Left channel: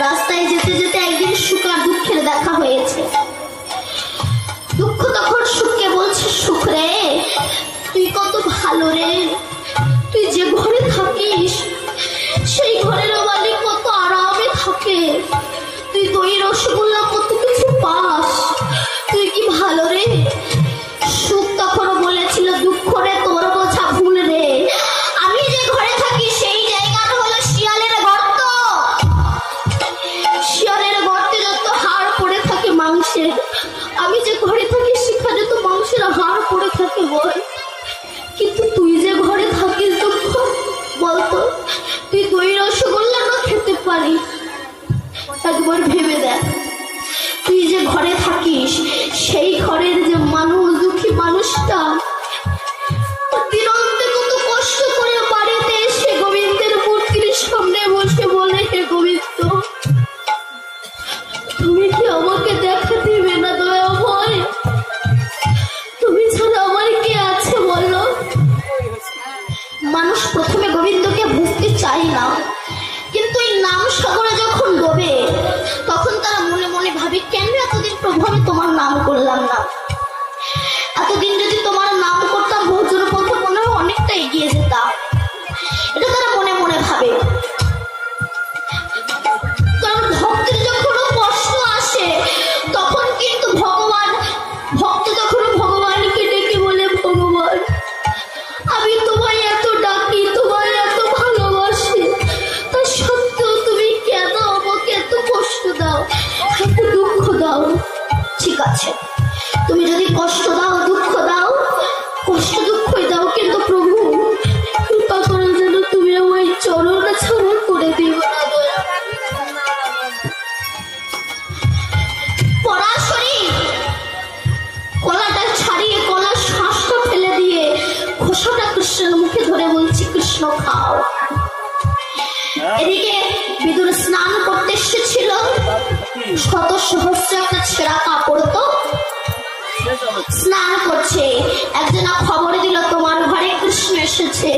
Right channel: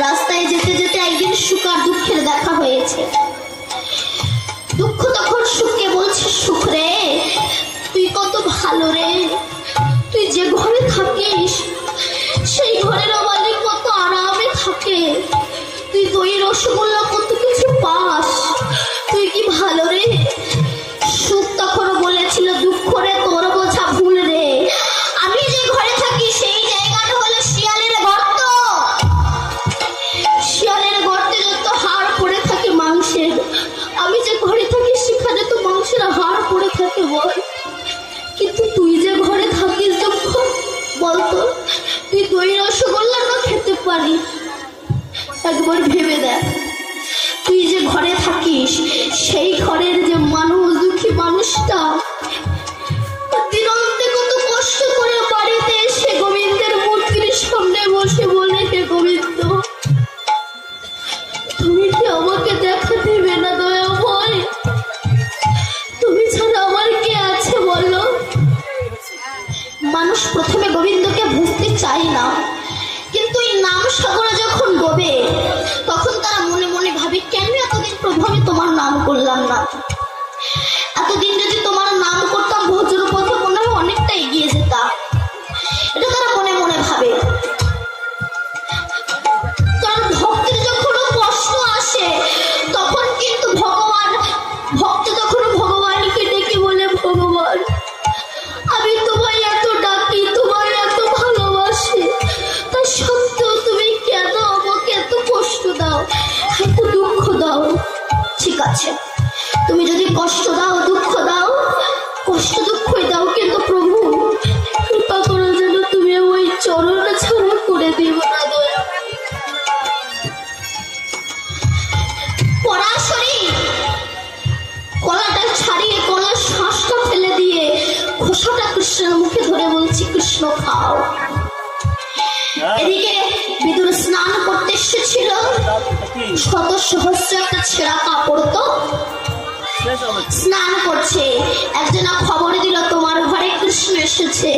রাস্তায় যেতে যেতে একদিন সুখ আর দুঃখের দেখা হয়েছে। দুঃখ তখন সুখকে বলছে, সুখ রে তুই কত ভালো রে, তুই যে ঘরে থাকিস সেই ঘরের মালিক কত আরামে থাকে, তুই দই রসগোল্লা কত কিছু পাস, তুই কি ভালো রে। সুখ তখন বলেছিল, দুঃখ রে তোর বোঝা ভুল রে, আমি যে ঘরে থাকি সেই জায়গাটা হলো শিয়ালের গর্ত। শিয়ালের গর্তে যত হাড় পড়ে থাকে মাংসের, আমি যে ঘরে থাকি সেখানে তো মাংসের হাড় পড়ে থাকে বল। কিন্তু তুই যে ঘরে থাকিস দুঃখ, বলতো তুই দই রসগোল্লাটা খেতে পারিস? একবার ভেবে দেখ, তুই যে ঘরে থাকিস সেই ঘরের যে মানুষ, দুঃখী মানুষটা দিনন্তে কত কষ্ট করে বাড়িতে এসে গোবিন্দের মূর্তির সামনে বসে বলে, হে গোবিন্দ তুমি কি আমাকে দেখা দেবে না দয়াময়? তুমি ছাড়া আমার কে আছে বলো? মানুষ প্রথমে গোবিন্দকে বুঝতে চায় না, কিন্তু এই নাম সাগরে যখন ডোবে তখন তারা মনে মনে ভাবে, কেন এতদিন প্রভু আমি তোমার নাম করলাম না? এতদিন যদি তোমার নাম করতাম ভোজন পথে মনে হয় অনেকটা এগিয়ে যেতাম। এটা তারা মনে মনে ভাবে। কারণ ভক্তের যখন কষ্ট আসে তখন কিন্তু ভক্ত তখন ভগবানকে ডেকে বলে, ভগবান আমি তোমায় এত ডাকি, তোমায় এত ভালোবাসি, তা সত্ত্বেও তুমি কেন আমাকে এত কষ্ট দাও, এত দুঃখ দাও? ঠিক আছে, তুমি যদি কষ্ট দাও, দুঃখ দাও, কষ্ট দুঃখই দাও, কিন্তু প্রভু কৃপা করো যেন তুমি ওই চরণ ছাড়া করে দিও না। পরাশরী কলাটা ছাড়িয়ে কলার শ্বাসটা ফেলে দিয়ে খোসাটা কৃষ্ণের মুখে ধরে বলছি, কৃষ্ণ খাও। এদিকে বিদুর স্নান করতে এসেছিল, শত সহস্র একটা ছেঁড়া কাপড় তো স্নান করছে, একজনা খবর দিল তোমার ঘরে কৃষ্ণ এসেছে।